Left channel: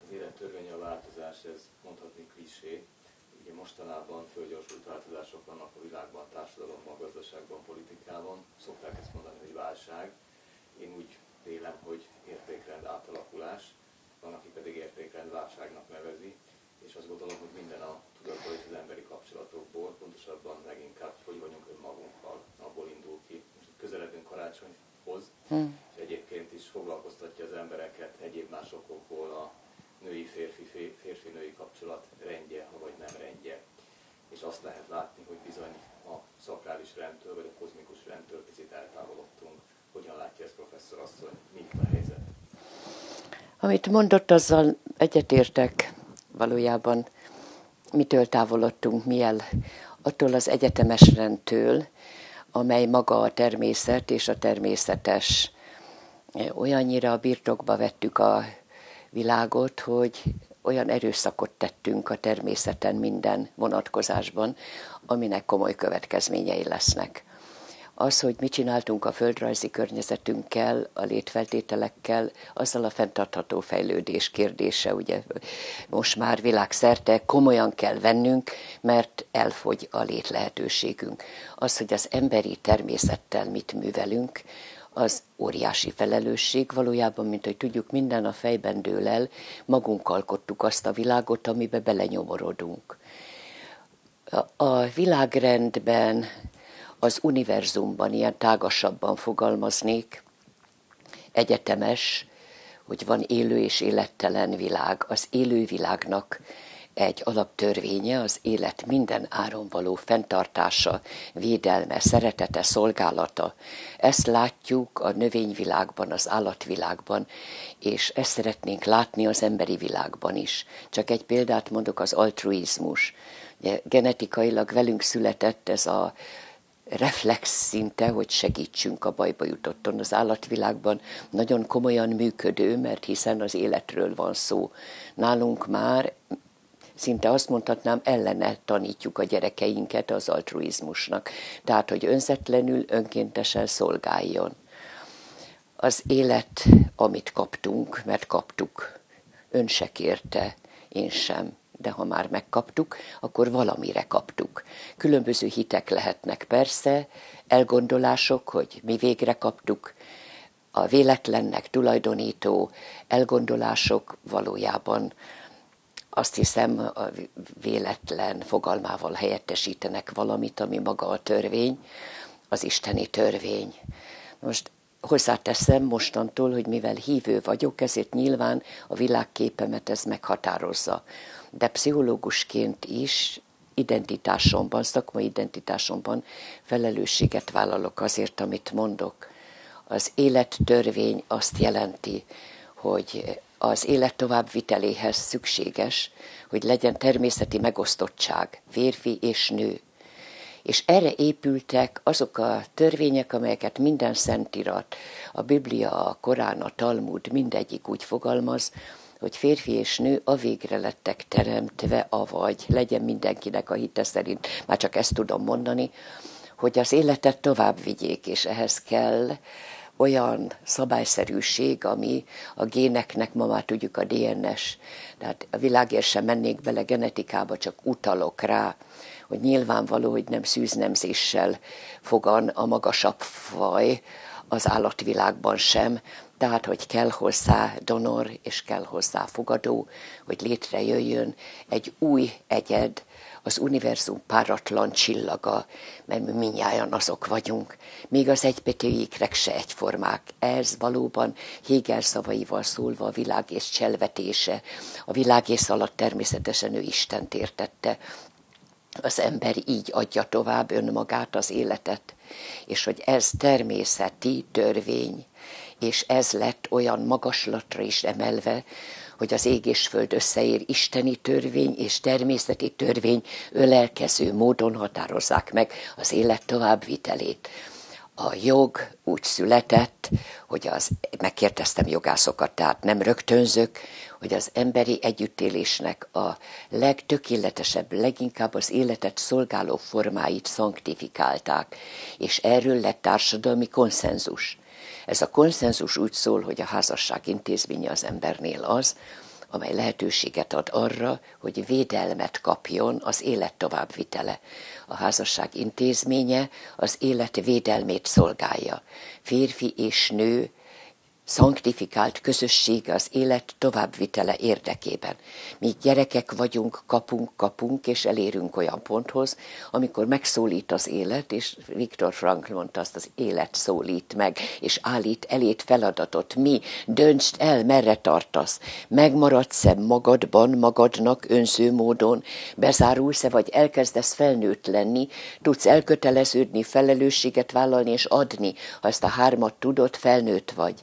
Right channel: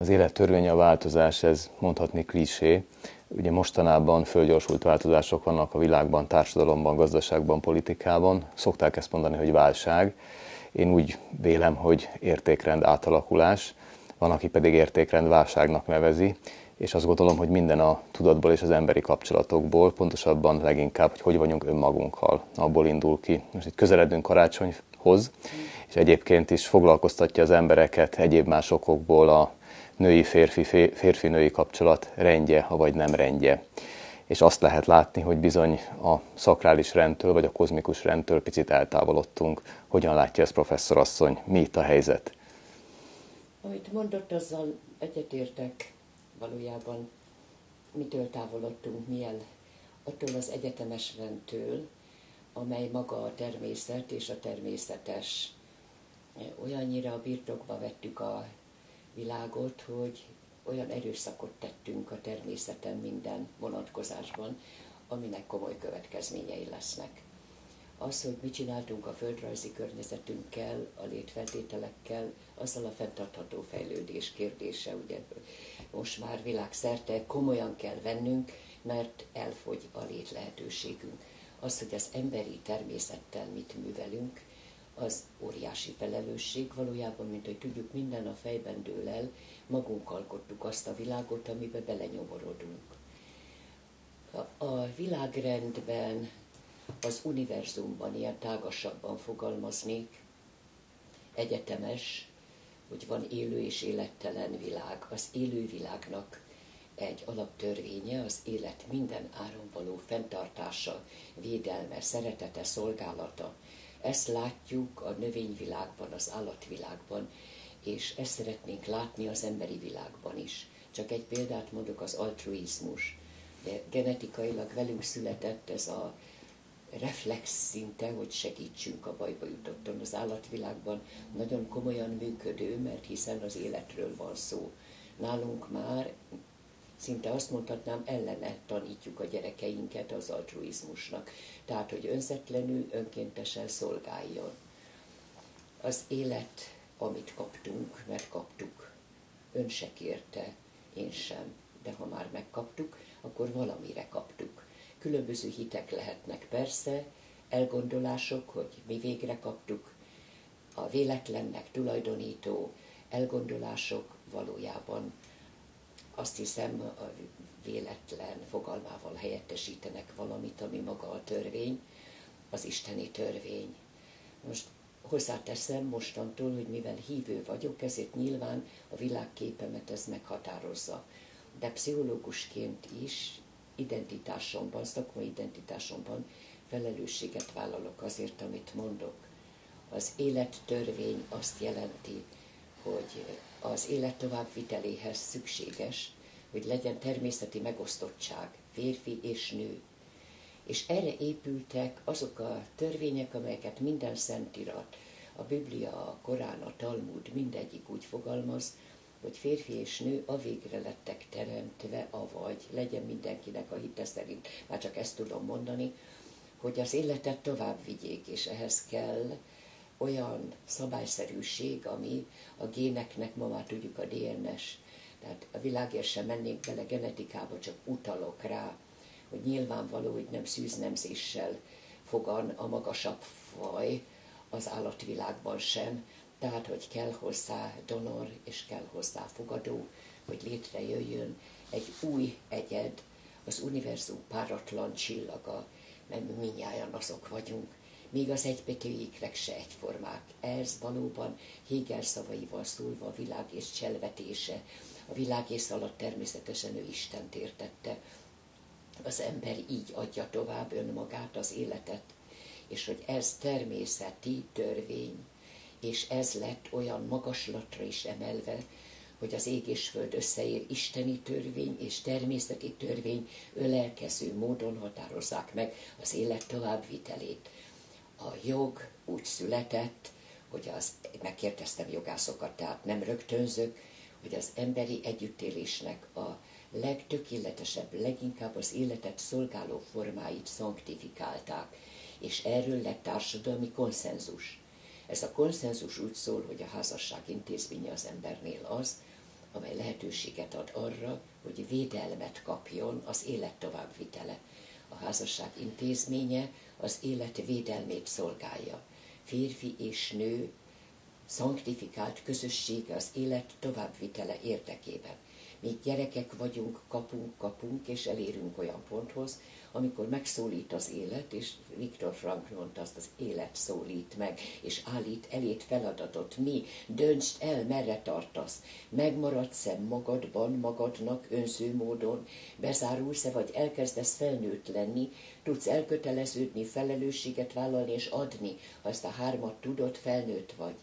Az élet törvénye a változás, ez mondhatni klisé. Ugye mostanában fölgyorsult változások vannak a világban, társadalomban, gazdaságban, politikában. Szokták ezt mondani, hogy válság. Én úgy vélem, hogy értékrend átalakulás. Van, aki pedig értékrend válságnak nevezi. És azt gondolom, hogy minden a tudatból és az emberi kapcsolatokból, pontosabban leginkább, hogy vagyunk önmagunkkal, abból indul ki. Most itt közeledünk karácsonyhoz, és egyébként is foglalkoztatja az embereket egyéb más okokból a női-férfi, férfi-női kapcsolat rendje, vagy nem rendje. És azt lehet látni, hogy bizony a szakrális rendtől, vagy a kozmikus rendtől picit eltávolodtunk. Hogyan látja ezt professzorasszony? Mi itt a helyzet? Amit mondott, azzal egyetértek. Valójában mitől távolodtunk mi el? Attól az egyetemes rendtől, amely maga a természet és a természetes. Olyannyira a birtokba vettük a világot, hogy olyan erőszakot tettünk a természeten minden vonatkozásban, aminek komoly következményei lesznek. Az, hogy mit csináltunk a földrajzi környezetünkkel, a létfeltételekkel, azzal a fenntartható fejlődés kérdése, ugye most már világszerte komolyan kell vennünk, mert elfogy a létlehetőségünk. Az, hogy az emberi természettel mit művelünk, az óriási felelősség. Valójában, mint hogy tudjuk, minden a fejben dől el, magunk alkottuk azt a világot, amiben belenyomorodunk. A világrendben, az univerzumban, ilyen tágasabban fogalmaznék, egyetemes, hogy van élő és élettelen világ. Az élő világnak egy alaptörvénye az élet minden áron való fenntartása, védelme, szeretete, szolgálata. Ezt látjuk a növényvilágban, az állatvilágban, és ezt szeretnénk látni az emberi világban is. Csak egy példát mondok, az altruizmus. Genetikailag velünk született ez a reflex szinte, hogy segítsünk a bajba jutotton. Az állatvilágban nagyon komolyan működő, mert hiszen az életről van szó. Nálunk már szinte azt mondhatnám, ellene tanítjuk a gyerekeinket az altruizmusnak. Tehát, hogy önzetlenül, önkéntesen szolgáljon. Az élet, amit kaptunk, mert kaptuk. Ön se kérte, én sem. De ha már megkaptuk, akkor valamire kaptuk. Különböző hitek lehetnek persze, elgondolások, hogy mi végre kaptuk, a véletlennek tulajdonító elgondolások valójában azt hiszem a véletlen fogalmával helyettesítenek valamit, ami maga a törvény, az isteni törvény. Most hozzáteszem mostantól, hogy mivel hívő vagyok, ezért nyilván a világképemet ez meghatározza. De pszichológusként is identitásomban, szakmai identitásomban felelősséget vállalok azért, amit mondok. Az élettörvény azt jelenti, hogy az élet továbbviteléhez szükséges, hogy legyen természeti megosztottság, férfi és nő. És erre épültek azok a törvények, amelyeket minden szentirat, a Biblia, a Korán, a Talmud, mindegyik úgy fogalmaz, hogy férfi és nő a végre lettek teremtve, avagy legyen mindenkinek a hite szerint, már csak ezt tudom mondani, hogy az életet tovább vigyék, és ehhez kell olyan szabályszerűség, ami a géneknek, ma már tudjuk a DNS, tehát a világért sem mennék bele genetikába, csak utalok rá, hogy nyilvánvaló, hogy nem szűznemzéssel fogan a magasabb faj az állatvilágban sem, tehát, hogy kell hozzá donor, és kell hozzá fogadó, hogy létrejöjjön egy új egyed, az univerzum páratlan csillaga, mert mi mindnyájan azok vagyunk. Még az egybetűikrek se egyformák. Ez valóban Hegel szavaival szólva a világész cselvetése. A világész alatt természetesen ő Istent értette. Az ember így adja tovább önmagát, az életet. És hogy ez természeti törvény, és ez lett olyan magaslatra is emelve, hogy az ég és föld összeér, isteni törvény és természeti törvény ölelkező módon határozzák meg az élet továbbvitelét. A jog úgy született, hogy megkérdeztem jogászokat, tehát nem rögtönzök, hogy az emberi együttélésnek a legtökéletesebb, leginkább az életet szolgáló formáit szanktifikálták, és erről lett társadalmi konszenzus. Ez a konszenzus úgy szól, hogy a házasság intézménye az embernél az, amely lehetőséget ad arra, hogy védelmet kapjon az élet továbbvitele. A házasság intézménye az élet védelmét szolgálja. Férfi és nő szanktifikált közösség az élet továbbvitele érdekében. Mi gyerekek vagyunk, kapunk, és elérünk olyan ponthoz, amikor megszólít az élet, és Viktor Frankl mondta azt, az élet szólít meg, és állít elét feladatot. Mi? Döntsd el, merre tartasz. Megmaradsz-e magadban, magadnak önző módon, bezárulsz-e, vagy elkezdesz felnőtt lenni, tudsz elköteleződni, felelősséget vállalni és adni. Ha ezt a hármat tudod, felnőtt vagy.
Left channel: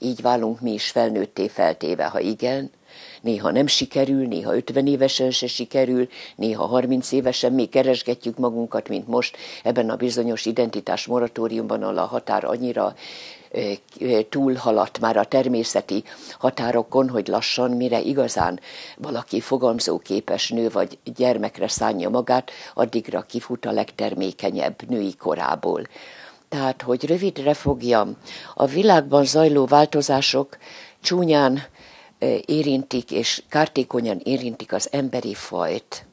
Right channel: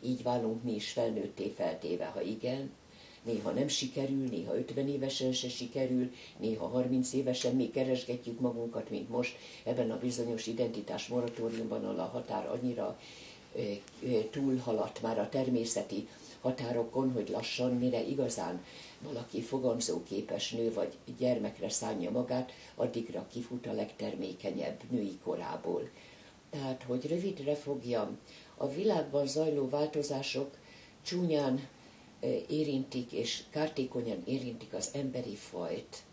Így válunk mi is felnőtté feltéve, ha igen, néha nem sikerül, néha 50 évesen se sikerül, néha 30 évesen még keresgetjük magunkat, mint most ebben a bizonyos identitás moratóriumban, ahol a határ annyira túlhaladt már a természeti határokon, hogy lassan, mire igazán valaki fogamzóképes nő vagy gyermekre szánja magát, addigra kifut a legtermékenyebb női korából. Tehát, hogy rövidre fogjam, a világban zajló változások csúnyán érintik és kártékonyan érintik az emberi fajt,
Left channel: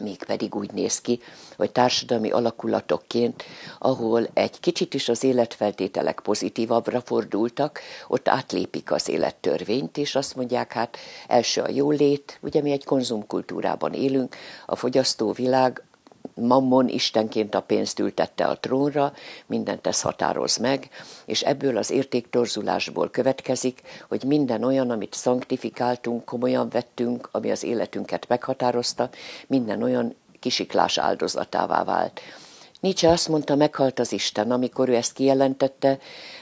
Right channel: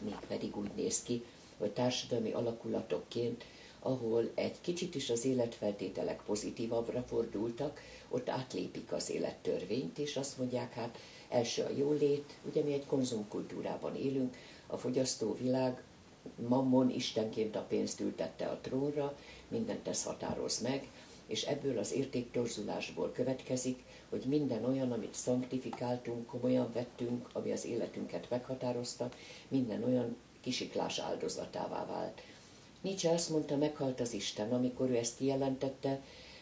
mégpedig úgy néz ki, hogy társadalmi alakulatokként, ahol egy kicsit is az életfeltételek pozitívabbra fordultak, ott átlépik az élettörvényt, és azt mondják, hát első a jólét, ugye mi egy konzumkultúrában élünk, a fogyasztóvilág, Mammon istenként a pénzt ültette a trónra, mindent ez határoz meg, és ebből az értéktorzulásból következik, hogy minden olyan, amit szanktifikáltunk, komolyan vettünk, ami az életünket meghatározta, minden olyan kisiklás áldozatává vált. Nietzsche azt mondta, meghalt az Isten, amikor ő ezt kijelentette,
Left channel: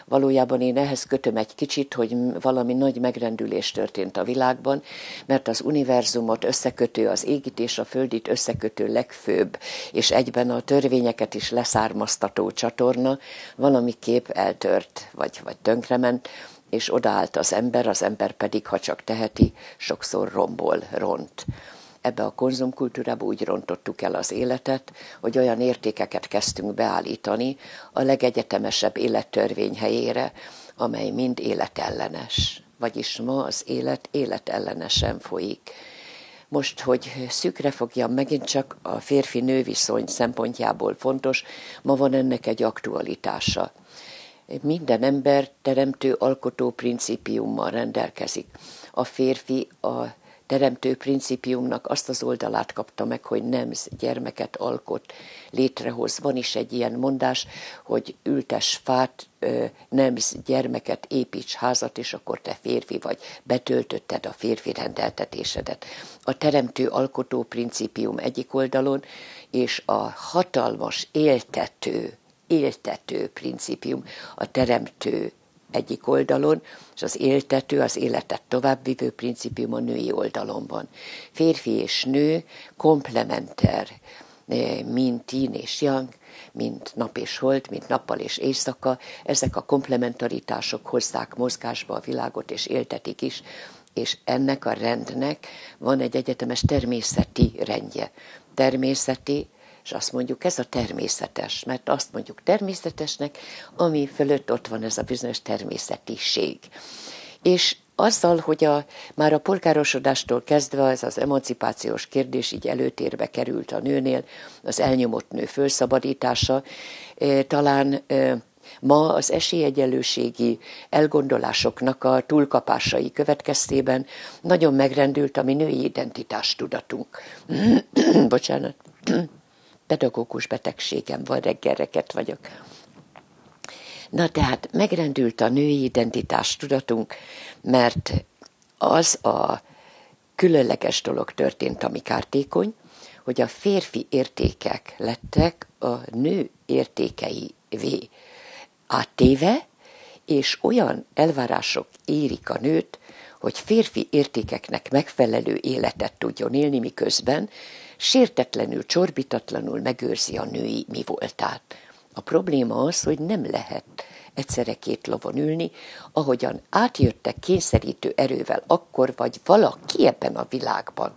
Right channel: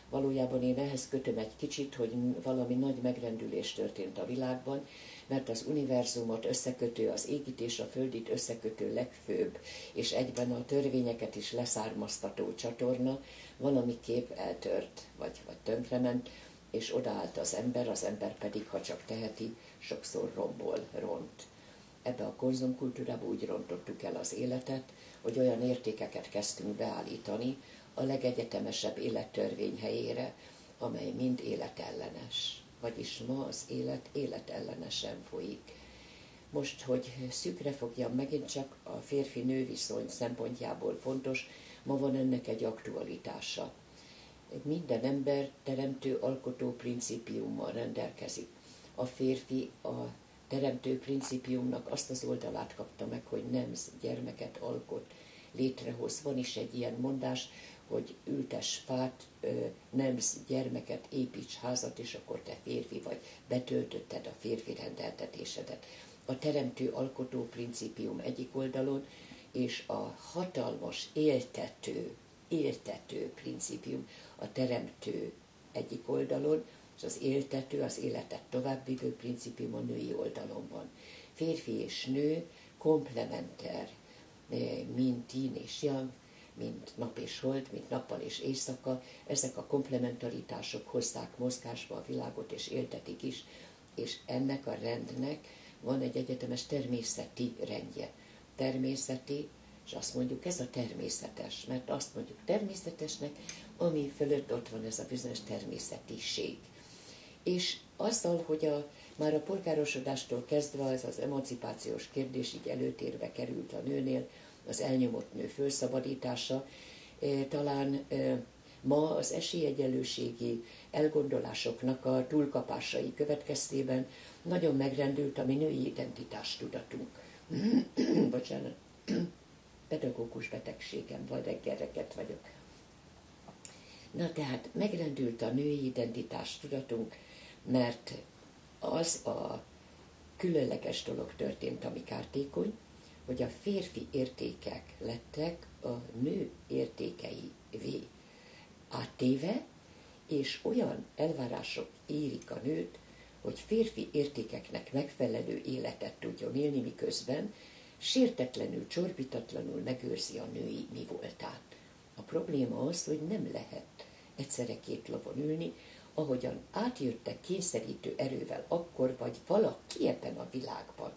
valójában én ehhez kötöm egy kicsit, hogy valami nagy megrendülés történt a világban, mert az univerzumot összekötő, az égit és a földit összekötő legfőbb, és egyben a törvényeket is leszármaztató csatorna valamiképp eltört, vagy tönkrement, és odaállt az ember pedig, ha csak teheti, sokszor ront. Ebbe a konzumkultúrába úgy rontottuk el az életet, hogy olyan értékeket kezdtünk beállítani a legegyetemesebb élettörvény helyére, amely mind életellenes. Vagyis ma az élet életellenesen folyik. Most, hogy szűkre fogjam, megint csak a férfi-nő viszony szempontjából fontos, ma van ennek egy aktualitása. Minden ember teremtő alkotó principiummal rendelkezik. A férfi a teremtő principiumnak azt az oldalát kapta meg, hogy nemz, gyermeket alkot, létrehoz. Van is egy ilyen mondás, hogy ültes fát, nemz, gyermeket, építs házat, és akkor te férfi vagy. Betöltötted a férfi rendeltetésedet. A teremtő alkotó principium egyik oldalon, és a hatalmas éltető principium, a teremtő egyik oldalon, és az éltető, az életet továbbvivő principium a női oldalon van. Férfi és nő komplementer, mint yin és yang, mint nap és hold, mint nappal és éjszaka. Ezek a komplementaritások hozzák mozgásba a világot és éltetik is, és ennek a rendnek van egy egyetemes természeti rendje. Természeti, és azt mondjuk, ez a természetes, mert azt mondjuk természetesnek, ami fölött ott van ez a bizonyos természetiség. És azzal, hogy már a polgárosodástól kezdve ez az emancipációs kérdés így előtérbe került a nőnél, az elnyomott nő fölszabadítása, talán ma az esélyegyenlőségi elgondolásoknak a túlkapásai következtében nagyon megrendült a mi női identitástudatunk. Bocsánat. Pedagógus betegségem van, reggelreket vagyok. Na tehát megrendült a női identitás tudatunk, mert az a különleges dolog történt, ami kártékony, hogy a férfi értékek lettek a nő értékeivé áttéve, és olyan elvárások érik a nőt, hogy férfi értékeknek megfelelő életet tudjon élni, miközben sértetlenül, csorbitatlanul megőrzi a női mi voltát. A probléma az, hogy nem lehet egyszerre két lovon ülni, ahogyan átjöttek kényszerítő erővel akkor, vagy valaki ebben a világban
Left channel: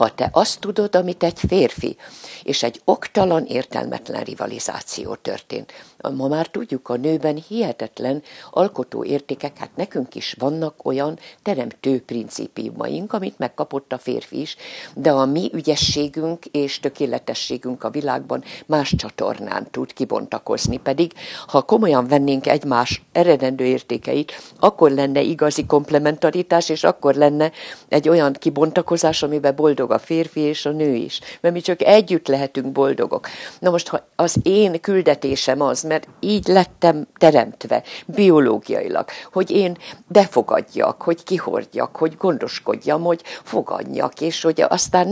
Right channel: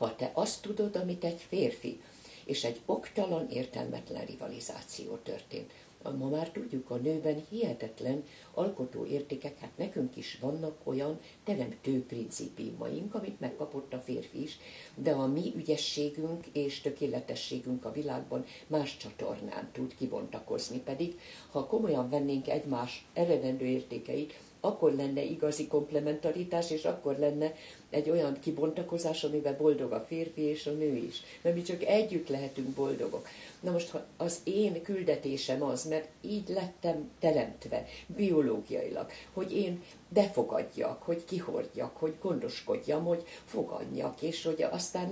ha te azt tudod, amit egy férfi, és egy oktalan, értelmetlen rivalizáció történt. Ma már tudjuk, a nőben hihetetlen alkotó értékek, hát nekünk is vannak olyan teremtő principiumaink, amit megkapott a férfi is, de a mi ügyességünk és tökéletességünk a világban más csatornán tud kibontakozni, pedig ha komolyan vennénk egymás eredendő értékeit, akkor lenne igazi komplementaritás, és akkor lenne egy olyan kibontakozás, amiben boldog a férfi és a nő is. Mert mi csak együtt lehetünk boldogok. Na most, ha az én küldetésem az, mert így lettem teremtve biológiailag, hogy én befogadjak, hogy kihordjak, hogy gondoskodjam, hogy fogadjak, és hogy aztán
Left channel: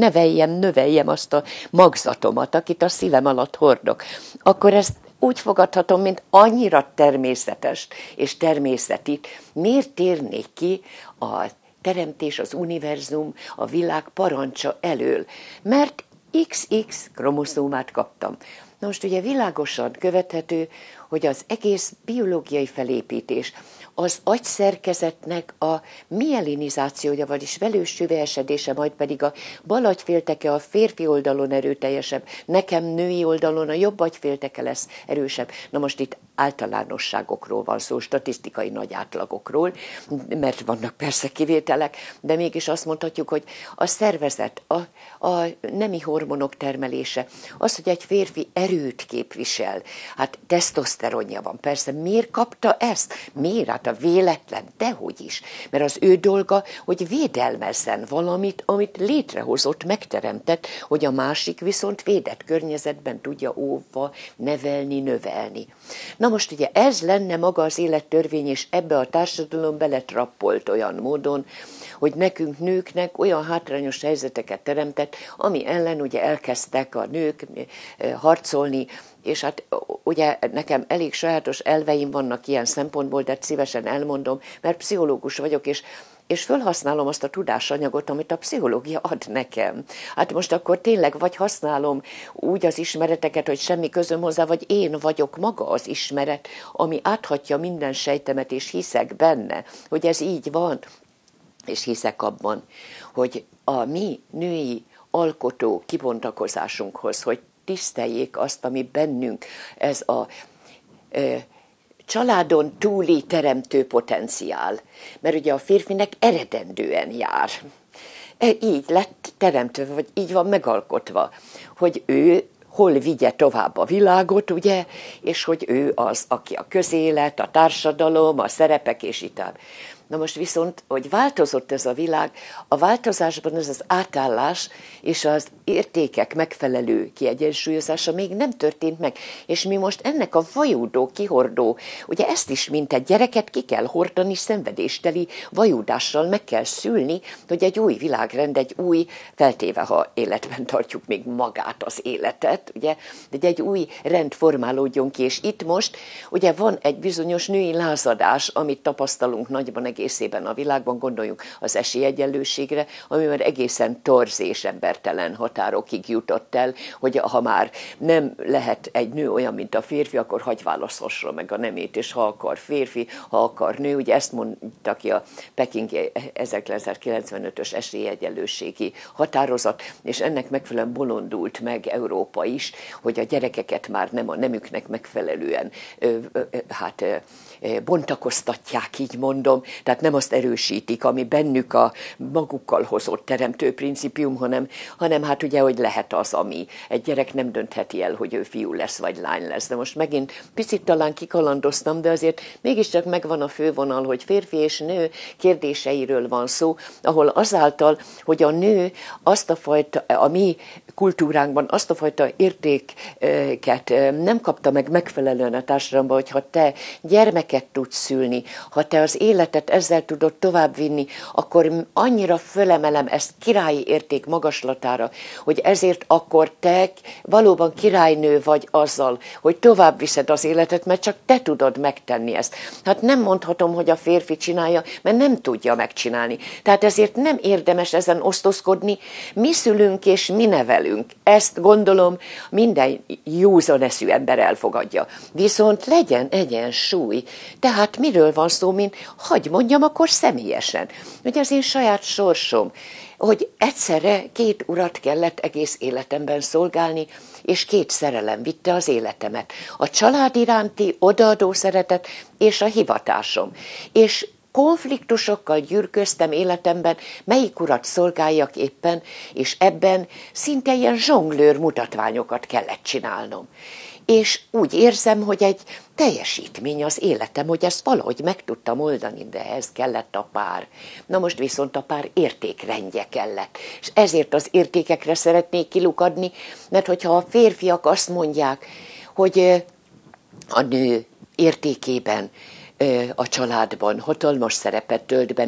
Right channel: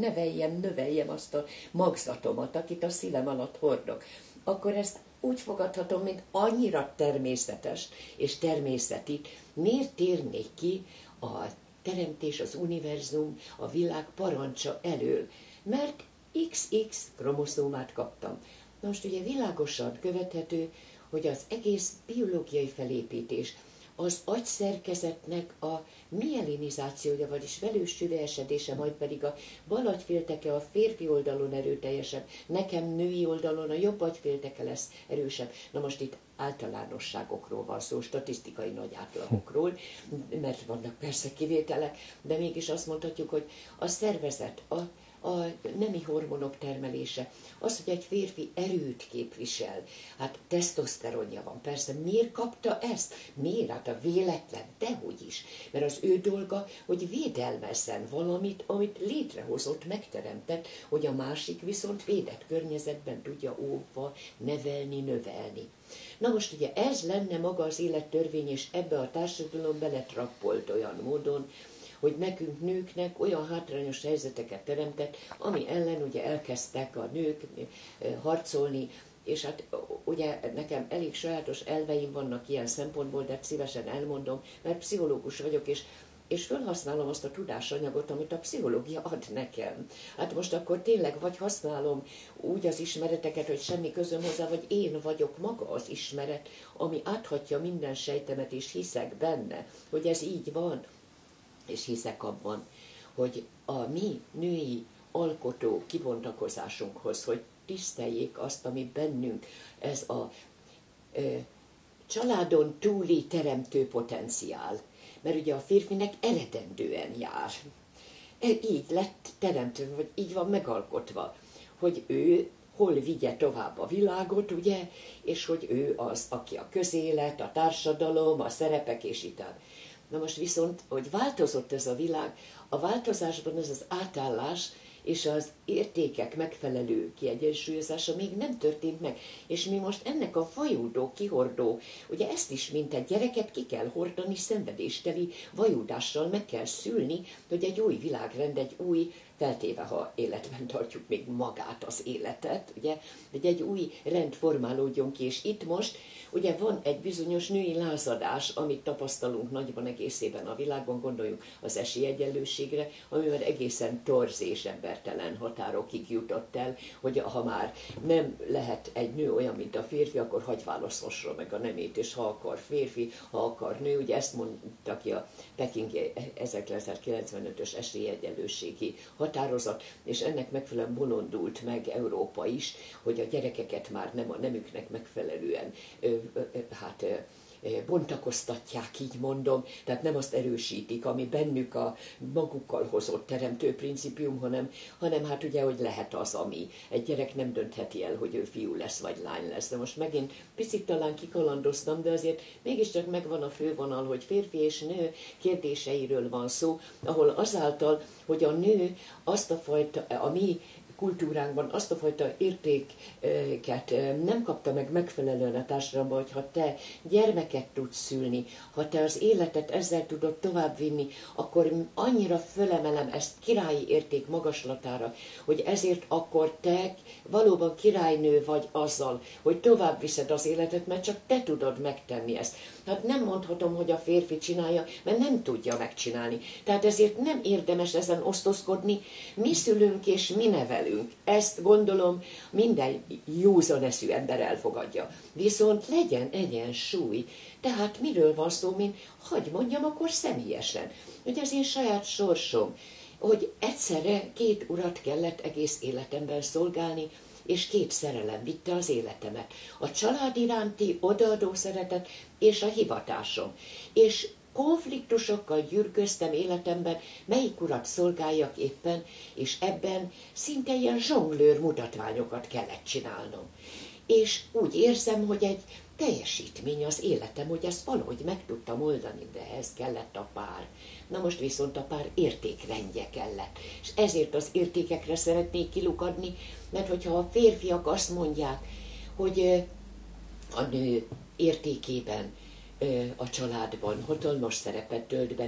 növeljem azt a magzatomat, akit a szívem alatt hordok, akkor ezt úgy fogadhatom, mint annyira természetes és természeti. Miért térnék ki a teremtés, az univerzum, a világ parancsa elől? Mert XX kromoszómát kaptam. Na most ugye világosan követhető, hogy az egész biológiai felépítés, az agyszerkezetnek a mielinizációja, vagyis velős süvesedése, majd pedig a bal agyfélteke a férfi oldalon erőteljesebb, nekem női oldalon a jobb agyfélteke lesz erősebb. Na most itt általánosságokról van szó, statisztikai nagy átlagokról, mert vannak persze kivételek, de mégis azt mondhatjuk, hogy a szervezet, a nemi hormonok termelése, az, hogy egy férfi erőt képvisel, hát tesztoszteronja van, persze, miért kapta ezt? Miért? Hát a véletlen, dehogy is. Mert az ő dolga, hogy védelmezzen valamit, amit létrehozott, megteremtett, hogy a másik viszont védett környezetben tudja óvva nevelni, növelni. Na most ugye ez lenne maga az élettörvény, és ebbe a társadalom beletrappolt olyan módon, hogy nekünk nőknek olyan hátrányos helyzeteket teremtett, ami ellen ugye elkezdtek a nők harcolni, és hát ugye nekem elég sajátos elveim vannak ilyen szempontból, de szívesen elmondom, mert pszichológus vagyok, és felhasználom azt a tudásanyagot, amit a pszichológia ad nekem. Hát most akkor tényleg vagy használom úgy az ismereteket, hogy semmi közöm hozzá, vagy én vagyok maga az ismeret, ami áthatja minden sejtemet, és hiszek benne, hogy ez így van. És hiszek abban, hogy a mi női alkotó kibontakozásunkhoz, hogy tiszteljék azt, ami bennünk, ez a családon túli teremtő potenciál. Mert ugye a férfinek eredendően jár. Így lett teremtve, vagy így van megalkotva, hogy ő hol vigye tovább a világot, ugye, és hogy ő az, aki a közélet, a társadalom, a szerepek és így tovább. Na most viszont, hogy változott ez a világ, a változásban ez az átállás és az értékek megfelelő kiegyensúlyozása még nem történt meg. És mi most ennek a vajúdó, kihordó, ugye ezt is, mint egy gyereket ki kell hordani, szenvedésteli vajúdással meg kell szülni, hogy egy új világrend, egy új, feltéve, ha életben tartjuk még magát az életet, ugye, de egy új rend formálódjon ki, és itt most ugye van egy bizonyos női lázadás, amit tapasztalunk nagyban egészében a világban, gondoljunk az esélyegyenlőségre, ami már egészen torz és embertelen határokig jutott el, hogy ha már nem lehet egy nő olyan, mint a férfi, akkor hagy választhassa meg a nemét, és ha akar férfi, ha akar nő, ugye ezt mondta ki a Peking 1995-ös esélyegyenlőségi határozat, és ennek megfelelően bolondult meg Európa is, hogy a gyerekeket már nem a nemüknek megfelelően bontakoztatják, így mondom, tehát nem azt erősítik, ami bennük a magukkal hozott teremtő principium, hanem hát ugye, hogy lehet az, ami egy gyerek nem döntheti el, hogy ő fiú lesz, vagy lány lesz. De most megint picit talán kikalandoztam, de azért mégiscsak megvan a fővonal, hogy férfi és nő kérdéseiről van szó, ahol azáltal, hogy a nő azt a fajta, a mi kultúránkban azt a fajta értéket nem kapta meg megfelelően a társadalomban, hogy ha te gyermeket tudsz szülni, ha te az életet ezzel tudod továbbvinni, akkor annyira fölemelem ezt királyi érték magaslatára, hogy ezért akkor te valóban királynő vagy azzal, hogy tovább viszed az életet, mert csak te tudod megtenni ezt. Hát nem mondhatom, hogy a férfi csinálja, mert nem tudja megcsinálni. Tehát ezért nem érdemes ezen osztozkodni, mi szülünk és mi nevelünk. Ezt gondolom minden józan eszű ember elfogadja. Viszont legyen egyensúly. Tehát miről van szó, mint hagy mondjam, mondjam, akkor személyesen, hogy az én saját sorsom, hogy egyszerre 2 urat kellett egész életemben szolgálni, és 2 szerelem vitte az életemet. A család iránti odaadó szeretet és a hivatásom. És konfliktusokkal gyűrköztem életemben, melyik urat szolgáljak éppen, és ebben szinte ilyen zsonglőr mutatványokat kellett csinálnom. És úgy érzem, hogy egy teljesítmény az életem, hogy ezt valahogy meg tudtam oldani, de ehhez kellett a pár. Na most viszont a pár értékrendje kellett. És ezért az értékekre szeretnék kilukadni, mert hogyha a férfiak azt mondják, hogy a nő értékében a családban hatalmas szerepet tölt be,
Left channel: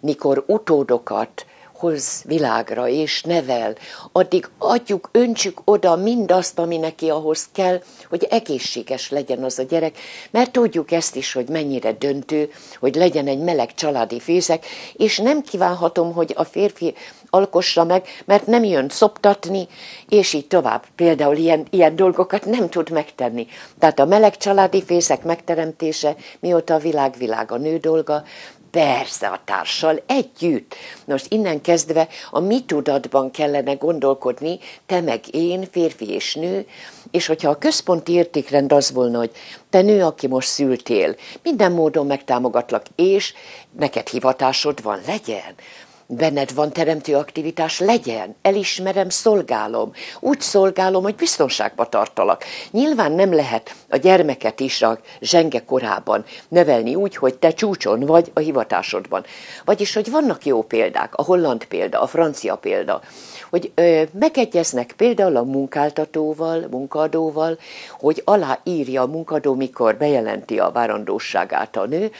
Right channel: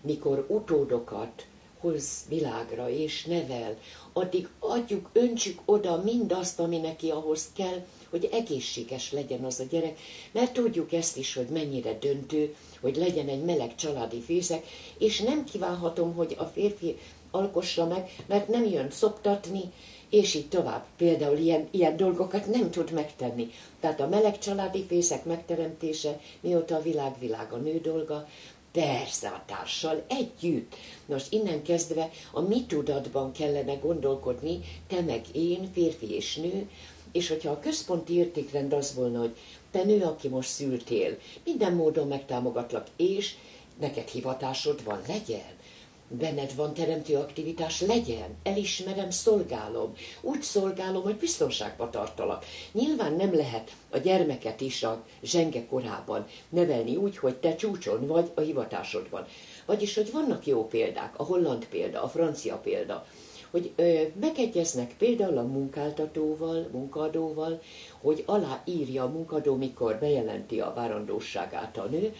mikor utódokat hoz világra és nevel, addig adjuk, öntsük oda mindazt, ami neki ahhoz kell, hogy egészséges legyen az a gyerek, mert tudjuk ezt is, hogy mennyire döntő, hogy legyen egy meleg családi fészek, és nem kívánhatom, hogy a férfi alkossa meg, mert nem jön szoptatni, és így tovább. Például ilyen dolgokat nem tud megtenni. Tehát a meleg családi fészek megteremtése, mióta a világ a nő dolga, persze a társal együtt. Most innen kezdve a mi tudatban kellene gondolkodni, te meg én, férfi és nő, és hogyha a központi értékrend az volna, hogy te nő, aki most szültél, minden módon megtámogatlak, és neked hivatásod van, legyen. Benned van teremtő aktivitás, legyen, elismerem, szolgálom. Úgy szolgálom, hogy biztonságba tartalak. Nyilván nem lehet a gyermeket is a zsenge korában nevelni úgy, hogy te csúcson vagy a hivatásodban. Vagyis, hogy vannak jó példák, a holland példa, a francia példa, hogy megegyeznek például a munkáltatóval, munkaadóval, hogy aláírja a munkadó, mikor bejelenti a várandóságát a nő,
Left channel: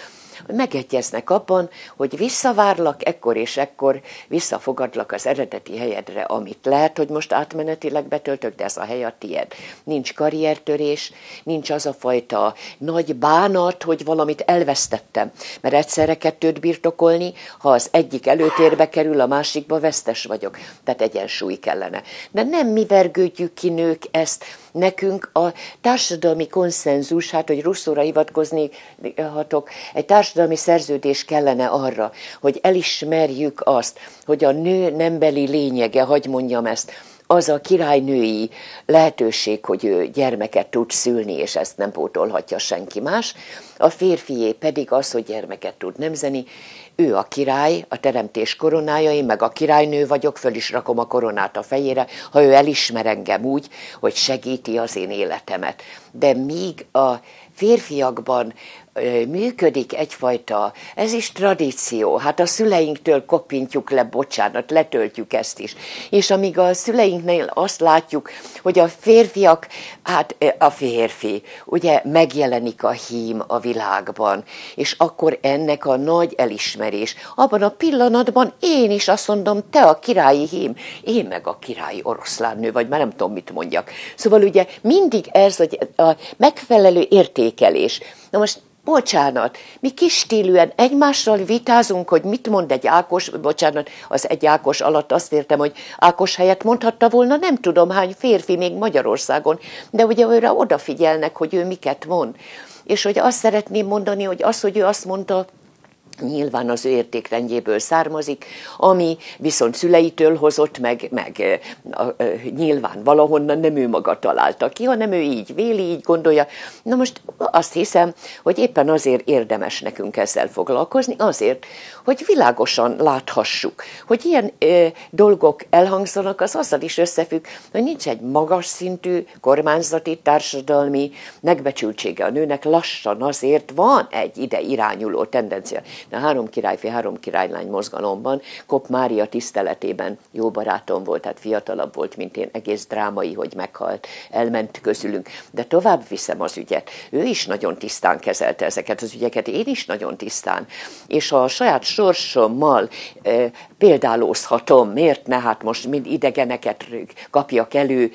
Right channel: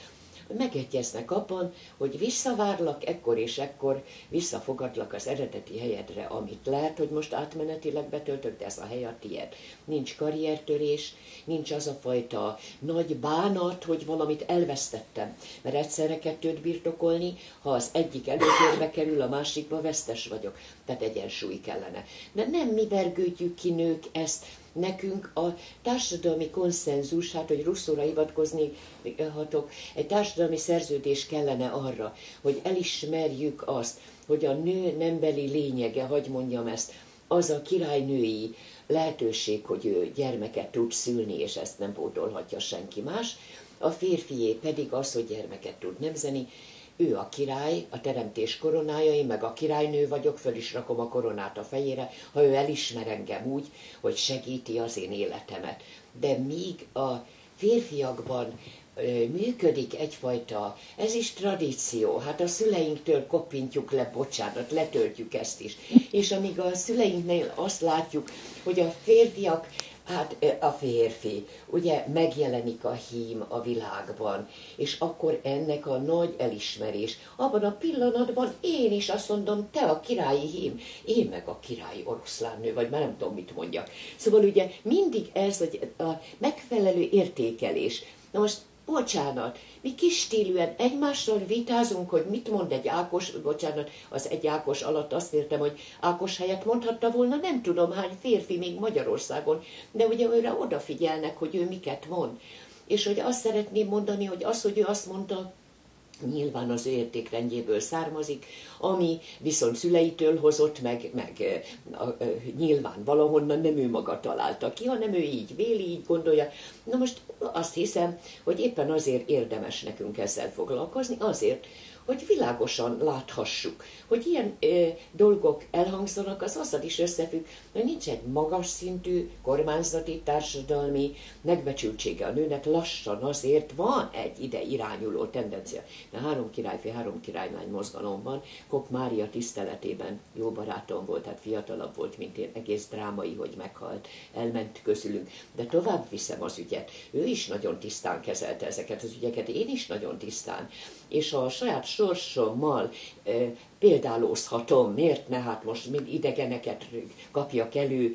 megegyeznek abban, hogy visszavárlak ekkor és ekkor, visszafogadlak az eredeti helyedre, amit lehet, hogy most átmenetileg betöltök, de ez a hely a tied. Nincs karriertörés, nincs az a fajta nagy bánat, hogy valamit elvesztettem, mert egyszerre 2 birtokolni, ha az egyik előtérbe kerül, a másikba vesztes vagyok. Tehát egyensúly kellene. De nem mi vergődjük ki nők ezt, nekünk a társadalmi konszenzus, hát hogy Rousseau-ra hivatkozni hatok, egy társadalmi szerződés kellene arra, hogy elismerjük azt, hogy a nő nembeli lényege, hagy mondjam ezt, az a királynői lehetőség, hogy ő gyermeket tud szülni, és ezt nem pótolhatja senki más, a férfié pedig az, hogy gyermeket tud nemzeni, ő a király, a teremtés koronája, én meg a királynő vagyok, föl is rakom a koronát a fejére, ha ő elismer engem úgy, hogy segíti az én életemet. De míg a férfiakban működik egyfajta, ez is tradíció, hát a szüleinktől koppintjuk le, bocsánat, letöltjük ezt is. És amíg a szüleinknél azt látjuk, hogy a férfiak, hát a férfi, ugye megjelenik a hím a világban, és akkor ennek a nagy elismerés. Abban a pillanatban én is azt mondom, te a királyi hím, én meg a királyi oroszlánnő, vagy már nem tudom, mit mondjak. Szóval ugye mindig ez, hogy a megfelelő értékelés. Na most bocsánat, mi kis stílűen egymással vitázunk, hogy mit mond egy Ákos, bocsánat, az egy Ákos alatt azt értem, hogy Ákos helyett mondhatta volna nem tudom hány férfi még Magyarországon, de ugye őre odafigyelnek, hogy ő miket mond. És hogy azt szeretném mondani, hogy az, hogy ő azt mondta, nyilván az ő értékrendjéből származik, ami viszont szüleitől hozott, meg nyilván valahonnan nem ő maga találta ki, hanem ő így véli, így gondolja. Na most azt hiszem, hogy éppen azért érdemes nekünk ezzel foglalkozni, azért, hogy világosan láthassuk, hogy ilyen dolgok elhangzanak, az azzal is összefügg, hogy nincs egy magas szintű kormányzati, társadalmi megbecsültsége a nőnek, lassan azért van egy ide irányuló tendencia. A 3 királyfi, 3 királylány mozgalomban Kopp Mária tiszteletében jó barátom volt, tehát fiatalabb volt, mint én, egész drámai, hogy meghalt, elment közülünk. De tovább viszem az ügyet. Ő is nagyon tisztán kezelte ezeket az ügyeket, én is nagyon tisztán. És ha a saját sorsommal példálózhatom, miért ne, hát most mind idegeneket kapjak elő,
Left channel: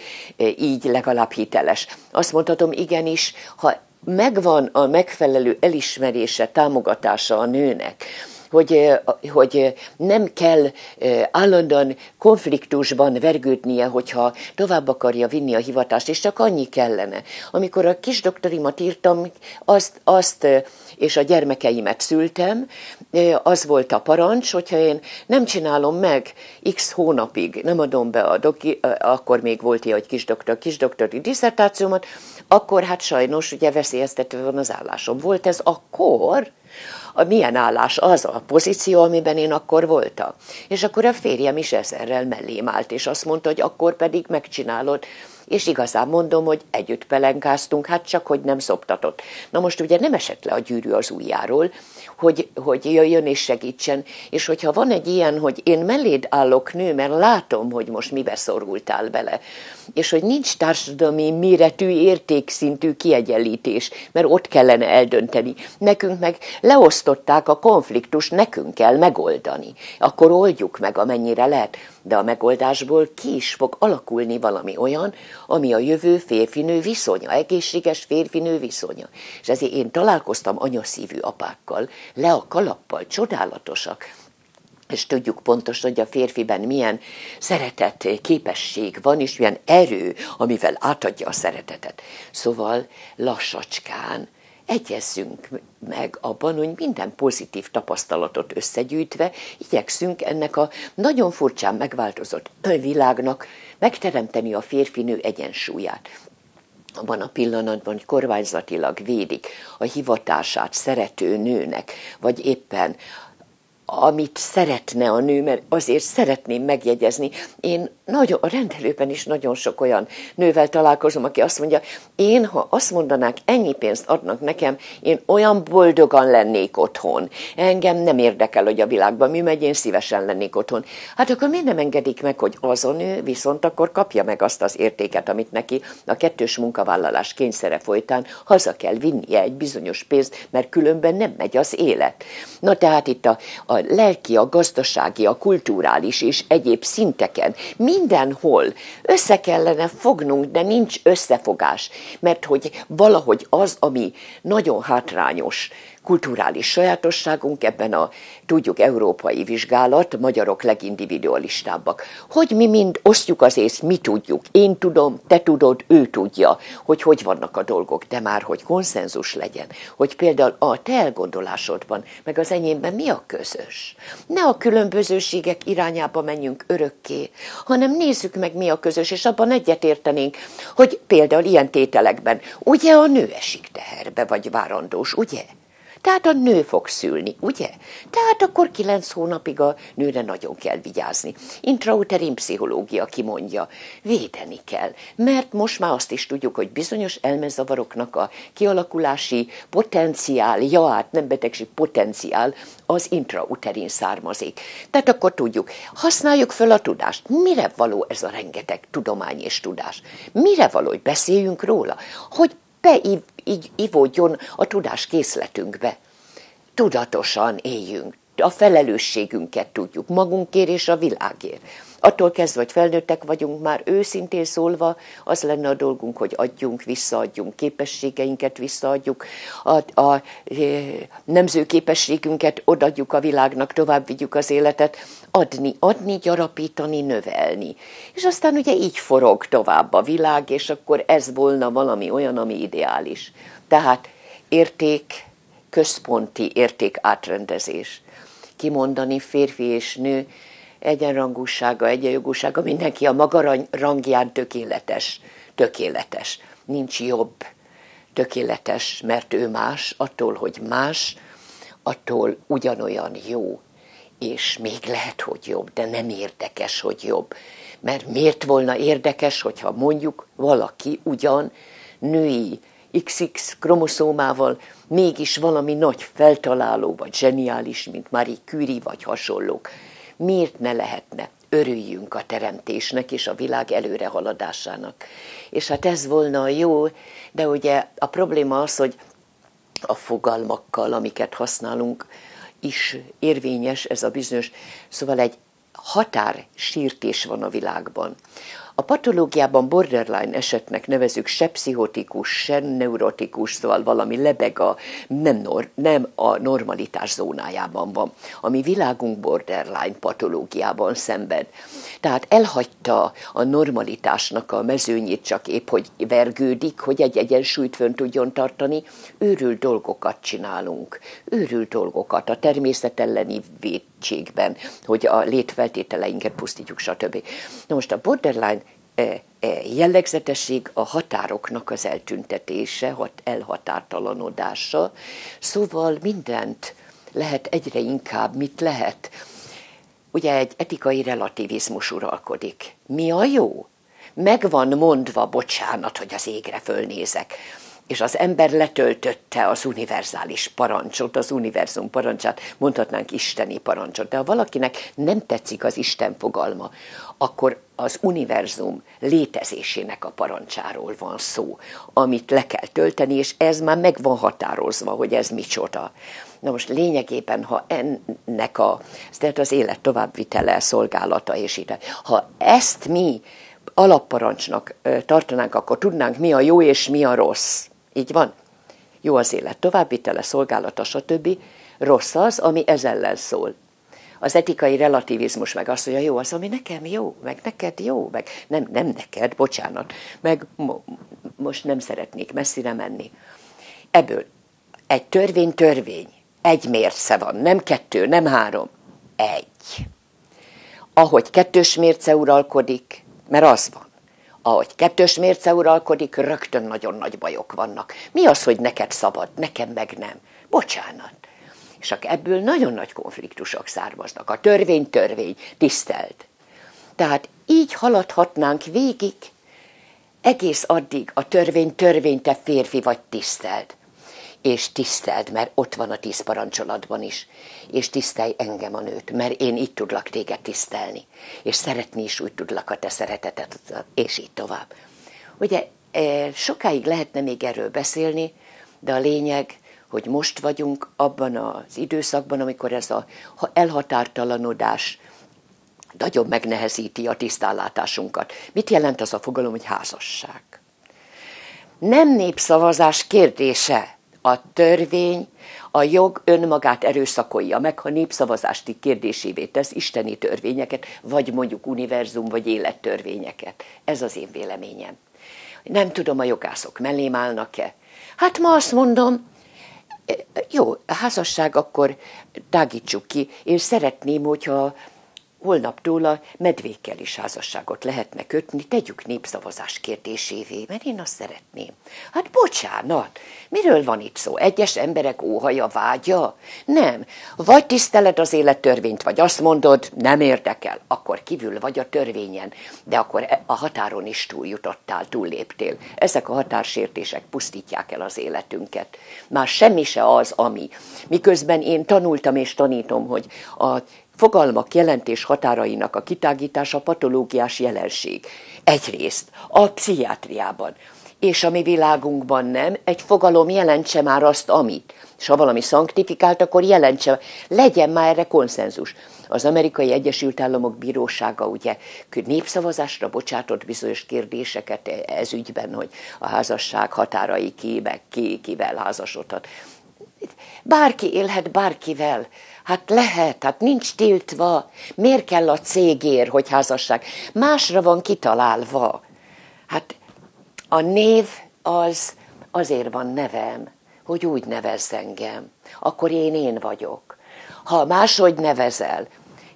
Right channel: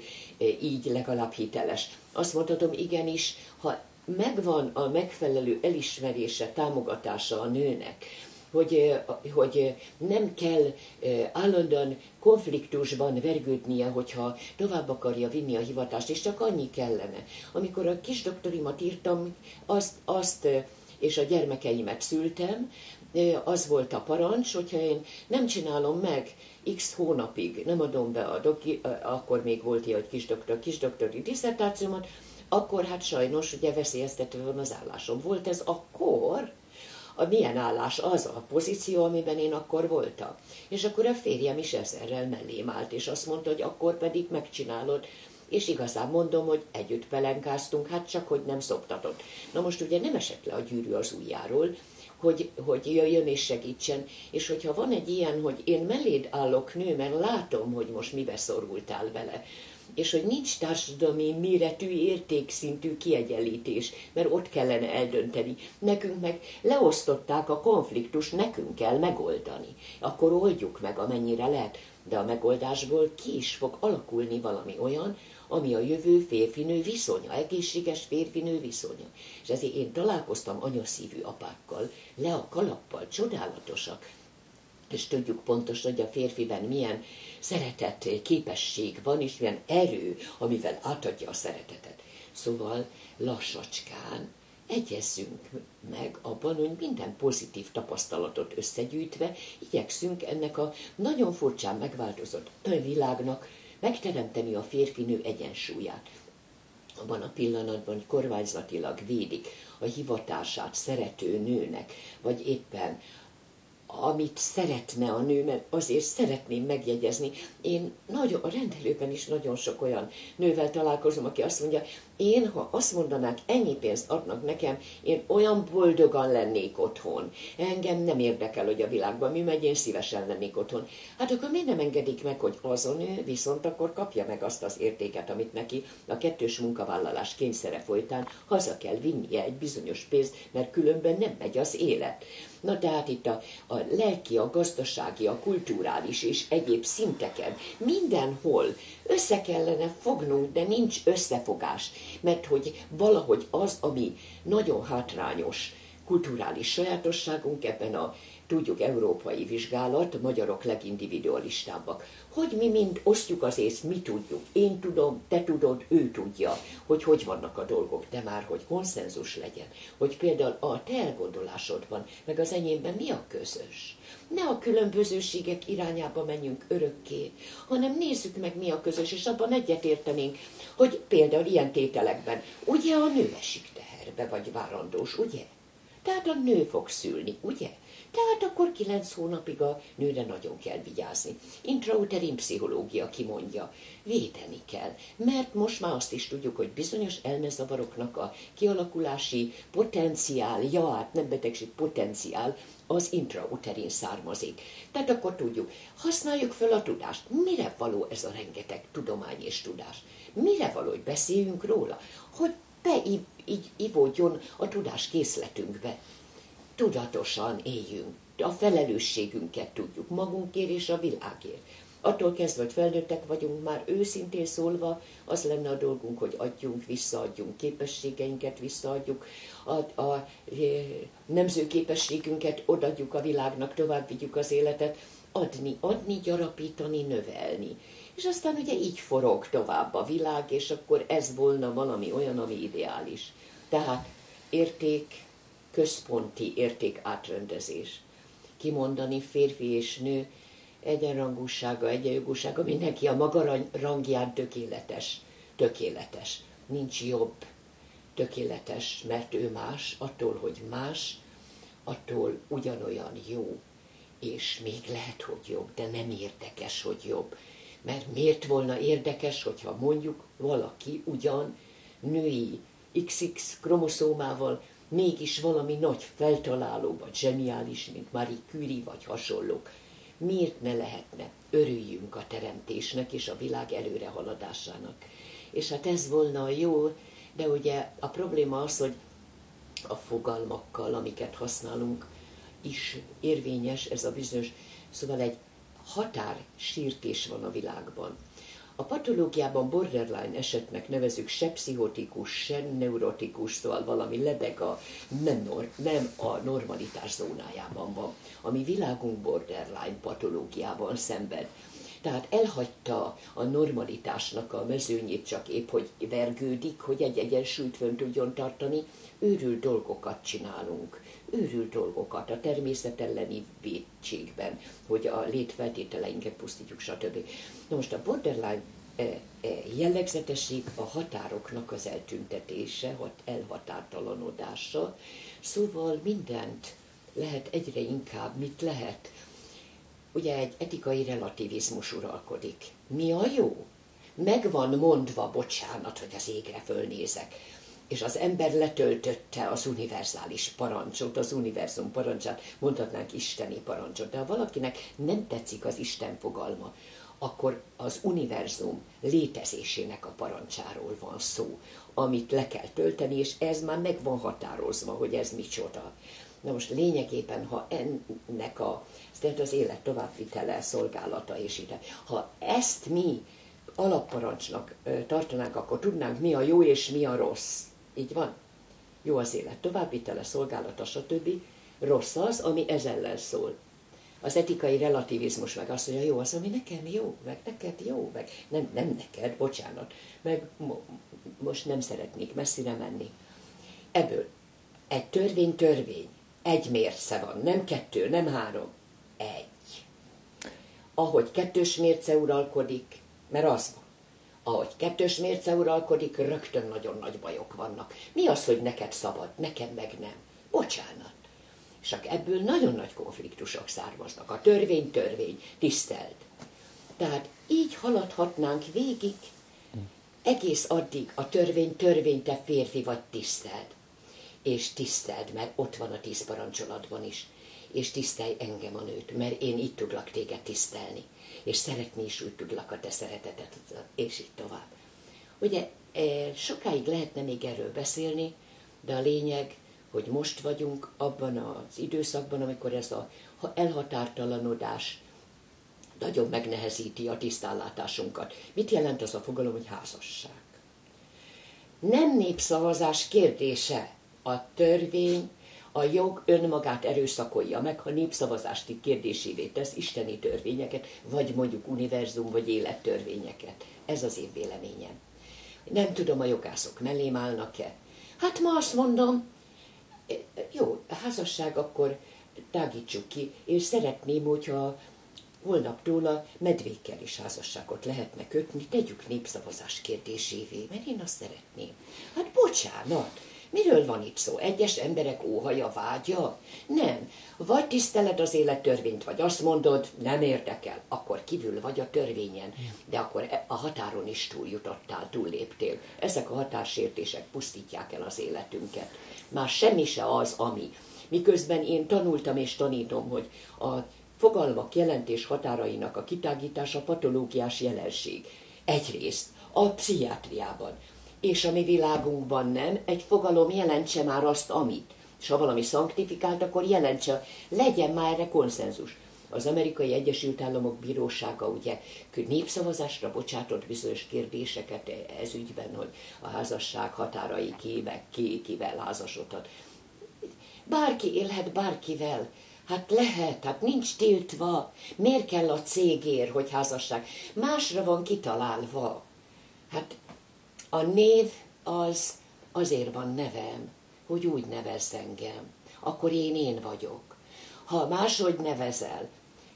így legalább hiteles. Azt mondhatom, igenis, ha megvan a megfelelő elismerése, támogatása a nőnek, hogy nem kell állandóan konfliktusban vergődnie, hogyha tovább akarja vinni a hivatást, és csak annyi kellene. Amikor a kisdoktorimat írtam, azt és a gyermekeimet szültem, az volt a parancs, hogyha én nem csinálom meg x hónapig, nem adom be akkor még volt ilyen, hogy kisdoktori disszertációmat, akkor hát sajnos ugye veszélyeztetve van az állásom. Volt ez akkor? Milyen állás? Az a pozíció, amiben én akkor voltam. És akkor a férjem is ezerrel mellém állt, és azt mondta, hogy akkor pedig megcsinálod. És igazán mondom, hogy együtt pelenkáztunk, hát csak, hogy nem szoptatott. Na most ugye nem esett le a gyűrű az ujjáról, hogy jöjjön és segítsen, és hogyha van egy ilyen, hogy én melléd állok nő, mert látom, hogy most mibe szorultál bele, és hogy nincs társadalmi méretű, értékszintű kiegyenlítés, mert ott kellene eldönteni. Nekünk meg leosztották a konfliktust, nekünk kell megoldani. Akkor oldjuk meg, amennyire lehet, de a megoldásból ki is fog alakulni valami olyan, ami a jövő férfinő viszonya, egészséges férfinő viszonya. És ezért én találkoztam anyaszívű apákkal, le a kalappal, csodálatosak, és tudjuk pontosan, hogy a férfiben milyen szeretet, képesség van, és milyen erő, amivel átadja a szeretetet. Szóval lassacskán egyezzünk meg abban, hogy minden pozitív tapasztalatot összegyűjtve igyekszünk ennek a nagyon furcsán megváltozott világnak megteremteni a férfinő egyensúlyát. Abban a pillanatban, hogy kormányzatilag védik a hivatását szerető nőnek, vagy éppen amit szeretne a nő, mert azért szeretném megjegyezni. Én a rendelőben is nagyon sok olyan nővel találkozom, aki azt mondja, én, ha azt mondanák, ennyi pénzt adnak nekem, én olyan boldogan lennék otthon. Engem nem érdekel, hogy a világban mi megy, én szívesen lennék otthon. Hát akkor miért nem engedik meg, hogy az a nő viszont akkor kapja meg azt az értéket, amit neki a kettős munkavállalás kényszere folytán haza kell vinnie egy bizonyos pénzt, mert különben nem megy az élet. Na tehát itt a lelki, a gazdasági, a kulturális és egyéb szinteken mindenhol össze kellene fognunk, de nincs összefogás, mert hogy valahogy az, ami nagyon hátrányos kulturális sajátosságunk, ebben a, tudjuk, európai vizsgálat, magyarok legindividualistábbak, hogy mi mind osztjuk az észt, mi tudjuk, én tudom, te tudod, ő tudja, hogy vannak a dolgok, de már, hogy konszenzus legyen, hogy például a te elgondolásodban, meg az enyémben mi a közös. Ne a különbözőségek irányába menjünk örökké, hanem nézzük meg, mi a közös, és abban egyetértenénk, hogy például ilyen tételekben, ugye a nő esik teherbe, vagy várandós, ugye? Tehát a nő fog szülni, ugye? Tehát akkor 9 hónapig a nőre nagyon kell vigyázni. Intrauterin pszichológia kimondja, védeni kell, mert most már azt is tudjuk, hogy bizonyos elmezavaroknak a kialakulási potenciál, nem betegség, potenciál az intrauterin származik. Tehát akkor tudjuk, használjuk föl a tudást. Mire való ez a rengeteg tudomány és tudás? Mire való, hogy beszéljünk róla? Hogy beivódjon a tudás készletünkbe. Tudatosan éljünk, a felelősségünket tudjuk magunkért és a világért. Attól kezdve, hogy felnőttek vagyunk, már őszintén szólva, az lenne a dolgunk, hogy adjunk, visszaadjunk, képességeinket visszaadjuk, a nemző képességünket odaadjuk a világnak, tovább vigyük az életet, adni, gyarapítani, növelni. És aztán ugye így forog tovább a világ, és akkor ez volna valami olyan, ami ideális. Tehát központi érték átrendezés. Kimondani férfi és nő, egyenrangúsága, egyenjogúsága, mindenki a maga rangján tökéletes. Nincs jobb tökéletes, mert ő más, attól, hogy más, attól ugyanolyan jó. És még lehet, hogy jobb, de nem érdekes, hogy jobb. Mert miért volna érdekes, hogyha mondjuk valaki ugyan női XX kromoszómával mégis valami nagy feltaláló, vagy zseniális, mint Marie Curie, vagy hasonlók. Miért ne lehetne? Örüljünk a teremtésnek és a világ előrehaladásának. És hát ez volna jó, de ugye a probléma az, hogy a fogalmakkal, amiket használunk, is érvényes ez a bizonyos, szóval egy határsírtés van a világban. A patológiában borderline esetnek nevezük se pszichotikus, se neurotikus, szóval valami lebeg nem a normalitás zónájában van. A mi világunk borderline patológiában szenved. Tehát elhagyta a normalitásnak a mezőnyét, csak épp hogy vergődik, hogy egy egyensúlyt fönn tudjon tartani. Őrült dolgokat csinálunk. Őrült dolgokat a természet elleni vétségben, hogy a létfeltételeinket pusztítjuk, stb. Na most a borderline jellegzetesség a határoknak az eltüntetése, elhatártalanodása, szóval mindent lehet egyre inkább, mit lehet. Ugye egy etikai relativizmus uralkodik. Mi a jó? Meg van mondva, bocsánat, hogy az égre fölnézek. És az ember letöltötte az univerzális parancsot, az univerzum parancsát, mondhatnánk isteni parancsot. De ha valakinek nem tetszik az Isten fogalma, akkor az univerzum létezésének a parancsáról van szó, amit le kell tölteni, és ez már meg van határozva, hogy ez micsoda. Na most lényegében, ha ennek tehát az élet továbbvitele, szolgálata és így, ha ezt mi alapparancsnak tartanánk, akkor tudnánk, mi a jó és mi a rossz. Így van? Jó az élet továbbvitele, szolgálata, stb. Rossz az, ami ez ellen szól. Az etikai relativizmus meg azt mondja, jó az, ami nekem jó, meg neked jó, meg nem neked, bocsánat, meg most nem szeretnék messzire menni. Ebből egy törvény, egy mérce van, nem 2, nem 3, 1. Ahogy 2-ös mérce uralkodik, mert az van, ahogy 2-ös mérce uralkodik, rögtön nagyon nagy bajok vannak. Mi az, hogy neked szabad, nekem meg nem? Bocsánat. És ebből nagyon nagy konfliktusok származnak. A törvény, tiszteld. Tehát így haladhatnánk végig, egész addig a törvény, te férfi vagy, tiszteld. És tiszteld, mert ott van a 10 parancsolatban is. És tisztelj engem, a nőt, mert én így tudlak téged tisztelni. És szeretni is úgy tudlak a te szeretetet, és így tovább. Ugye sokáig lehetne még erről beszélni, de a lényeg, hogy most vagyunk abban az időszakban, amikor ez az elhatártalanodás nagyon megnehezíti a tisztánlátásunkat. Mit jelent az a fogalom, hogy házasság? Nem népszavazás kérdése. A törvény, a jog önmagát erőszakolja meg, ha népszavazást kérdésévé tesz isteni törvényeket, vagy mondjuk univerzum, vagy élettörvényeket. Ez az én véleményem. Nem tudom, a jogászok mellém állnak-e. Hát ma azt mondom, jó, a házasság akkor tágítsuk ki. Én szeretném, hogyha holnaptól a medvékkel is házasságot lehetne kötni, tegyük népszavazás kérdésévé, mert én azt szeretném. Hát bocsánat, miről van itt szó? Egyes emberek óhaja, vágya? Nem. Vagy tiszteled az élettörvényt, vagy azt mondod, nem érdekel, akkor kívül vagy a törvényen, de akkor a határon is túljutottál, túlléptél. Ezek a határsértések pusztítják el az életünket. Már semmi se az, ami. Miközben én tanultam és tanítom, hogy a fogalmak jelentés határainak a kitágítása patológiás jelenség. Egyrészt a pszichiátriában, és a mi világunkban nem, egy fogalom jelentse már azt, amit. És ha valami szanktifikált, akkor jelentse, legyen már erre konszenzus. Az Amerikai Egyesült Államok Bírósága ugye népszavazásra bocsátott bizonyos kérdéseket ez ügyben, hogy a házasság határai meg kivel házasodhat. Bárki élhet bárkivel. Hát lehet, hát nincs tiltva. Miért kell a cégér, hogy házasság? Másra van kitalálva. Hát a név azért van nevem, hogy úgy nevezz engem. Akkor én vagyok. Ha máshogy nevezel,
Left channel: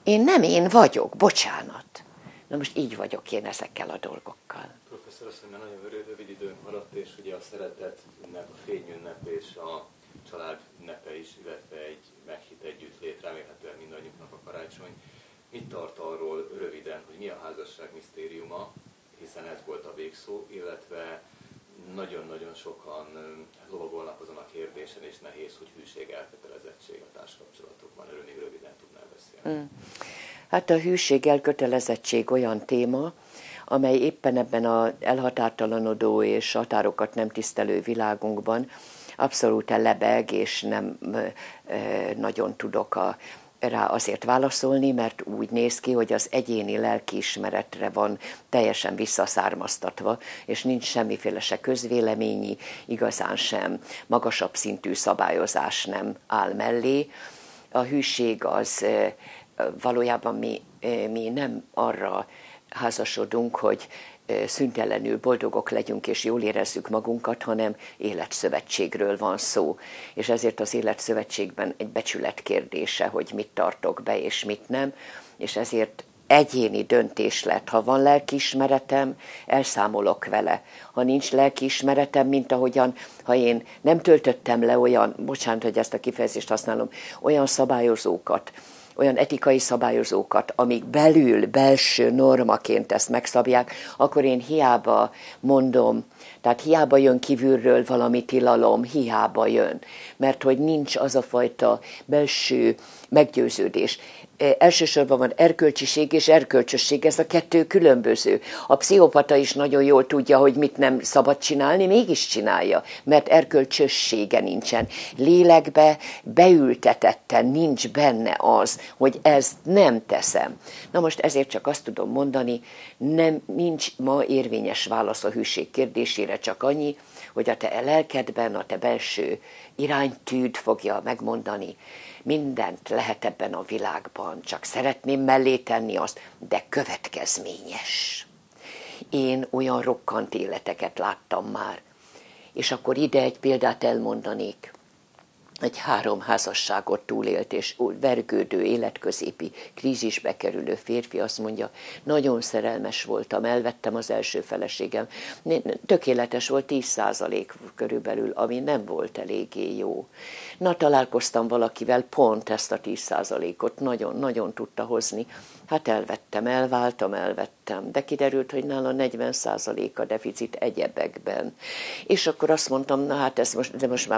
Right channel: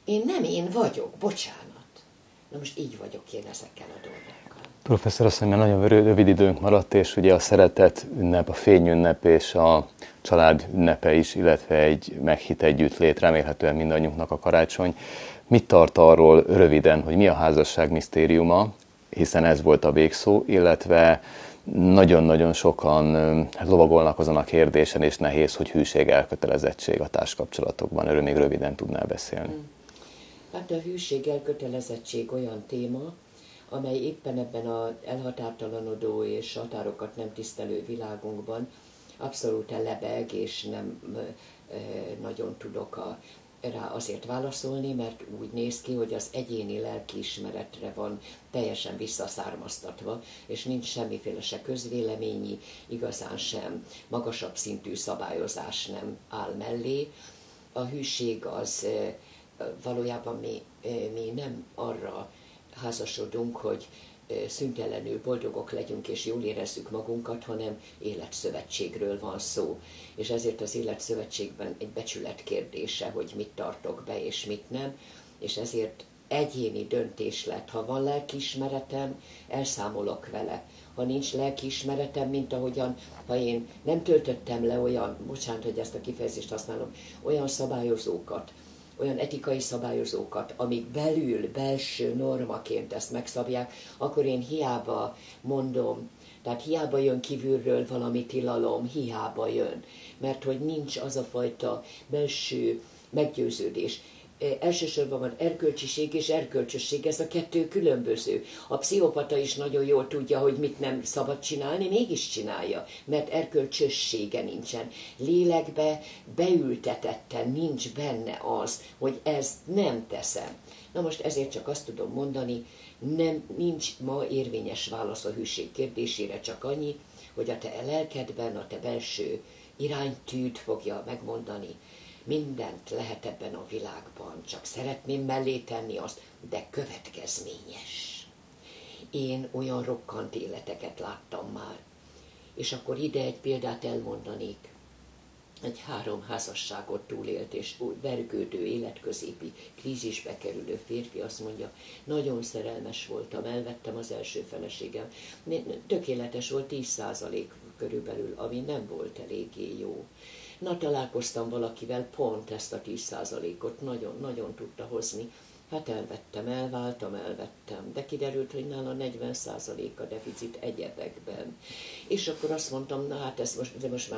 én nem én vagyok, bocsánat. Na most így vagyok én ezekkel a dolgokkal. Professzor asszony, mert nagyon rövid időnk maradt, és ugye a szeretet ünnep, a fényünnep és a család ünnepe is, illetve egy meghitt együttlét, remélhetően mindannyiunknak a karácsony. Mit tart arról röviden, hogy mi a házasság misztériuma, hiszen ez volt a végszó, illetve nagyon-nagyon sokan lovagolnak azon a kérdésen, és nehéz, hogy hűség, elkötelezettség a társkapcsolatokban. Erről még röviden tudnál beszélni. Hát a hűség, elkötelezettség olyan téma, amely éppen ebben az elhatártalanodó és határokat nem tisztelő világunkban abszolút lebeg, és nem nagyon tudok rá azért válaszolni, mert úgy néz ki, hogy az egyéni lelkiismeretre van teljesen visszaszármaztatva, és nincs semmiféle se közvéleményi, igazán sem magasabb szintű szabályozás nem áll mellé. A hűség az valójában mi nem arra házasodunk, hogy szüntelenül boldogok legyünk és jól érezzük magunkat, hanem életszövetségről van szó. És ezért az életszövetségben egy becsület kérdése, hogy mit tartok be és mit nem, és ezért egyéni döntés lett. Ha van lelkiismeretem, elszámolok vele. Ha nincs lelkiismeretem, mint ahogyan, ha én nem töltöttem le olyan, bocsánat, hogy ezt a kifejezést használom, olyan szabályozókat, olyan etikai szabályozókat, amik belül, belső normaként ezt megszabják, akkor én hiába mondom, tehát hiába jön kívülről valami tilalom, hiába jön, mert hogy nincs az a fajta belső meggyőződés. Elsősorban van erkölcsiség és erkölcsösség, ez a kettő különböző. A pszichopata is nagyon jól tudja, hogy mit nem szabad csinálni, mégis csinálja, mert erkölcsössége nincsen. Lélekbe beültetetten nincs benne az, hogy ezt nem teszem. Na most ezért csak azt tudom mondani, nincs ma érvényes válasz a hűség kérdésére, csak annyi, hogy a te lelkedben, a te belső iránytűd fogja megmondani, mindent lehet ebben a világban, csak szeretném mellé tenni azt, de következményes. Én olyan rokkant életeket láttam már, és akkor ide egy példát elmondanék. Egy 3 házasságot túlélt és vergődő, életközépi krízisbe kerülő férfi azt mondja, nagyon szerelmes voltam, elvettem az első feleségem. Tökéletes volt, 10% körülbelül, ami nem volt eléggé jó. Na, találkoztam valakivel, pont ezt a 10%-ot nagyon-nagyon tudta hozni. Hát elvettem, de kiderült, hogy nála 40% a deficit egyebekben. És akkor azt mondtam, na hát de most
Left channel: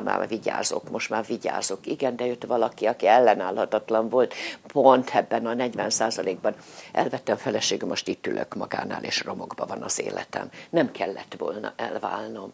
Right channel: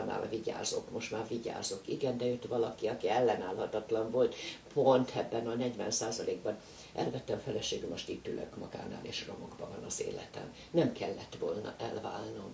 már vigyázok. Igen, de jött valaki, aki ellenállhatatlan volt, pont ebben a 40%-ban. Elvettem feleségem, most itt ülök magánál, és romokban van az életem. Nem kellett volna elválnom.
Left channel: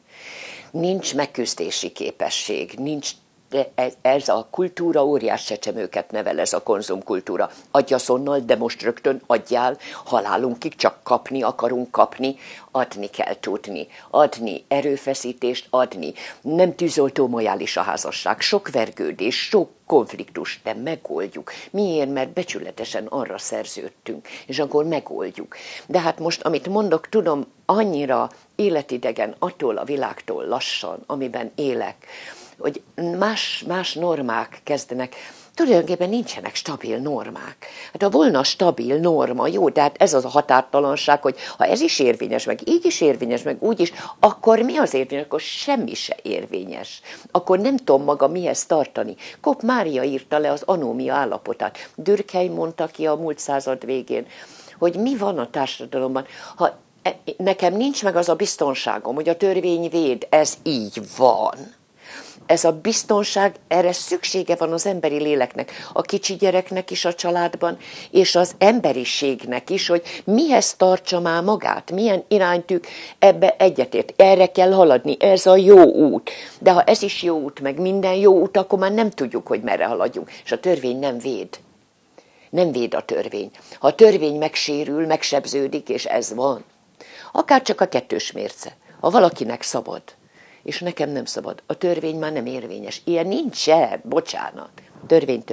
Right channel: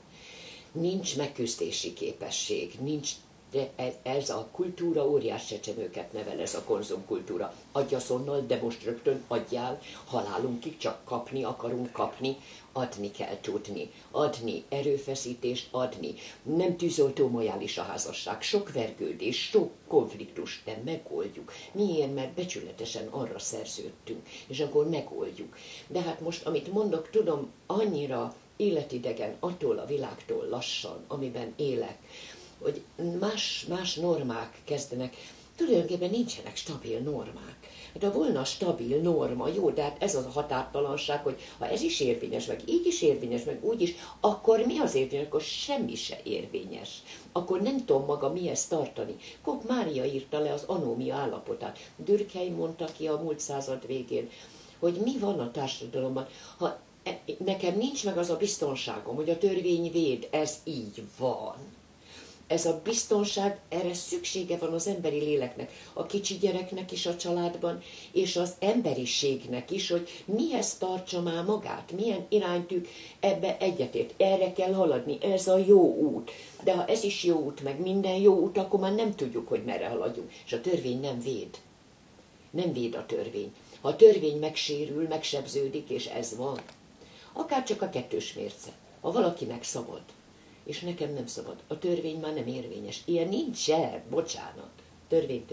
Nincs megküzdési képesség, nincs. De ez a kultúra óriás csecsemőket nevel, ez a konzumkultúra. Adj azonnal, de most rögtön adjál, halálunkig csak kapni akarunk kapni, adni kell tudni, adni, erőfeszítést adni. Nem tűzoltó mojális a házasság, sok vergődés, sok konfliktus, de megoldjuk. Miért? Mert becsületesen arra szerződtünk, és akkor megoldjuk. De hát most, amit mondok, tudom, annyira életidegen attól a világtól lassan, amiben élek, hogy más normák kezdenek, tulajdonképpen nincsenek stabil normák. Hát ha volna stabil norma, jó, de hát ez az a határtalanság, hogy ha ez is érvényes, meg így is érvényes, meg úgy is, akkor mi az érvényes? Akkor semmi se érvényes. Akkor nem tudom maga mihez tartani. Kopp Mária írta le az anómia állapotát. Durkheim mondta ki a múlt század végén, hogy mi van a társadalomban, ha nekem nincs meg az a biztonságom, hogy a törvény véd, ez így van. Ez a biztonság, erre szüksége van az emberi léleknek, a kicsi gyereknek is a családban, és az emberiségnek is, hogy mihez tartsa már magát, milyen iránytűk, ebbe egyetért. Erre kell haladni, ez a jó út. De ha ez is jó út, meg minden jó út, akkor már nem tudjuk, hogy merre haladjunk. És a törvény nem véd. Nem véd a törvény. Ha a törvény megsérül, megsebződik, és ez van, akár csak a 2 mérce. Ha valakinek szabad, és nekem nem szabad. A törvény már nem érvényes. Ilyen nincsen, bocsánat. Törvény.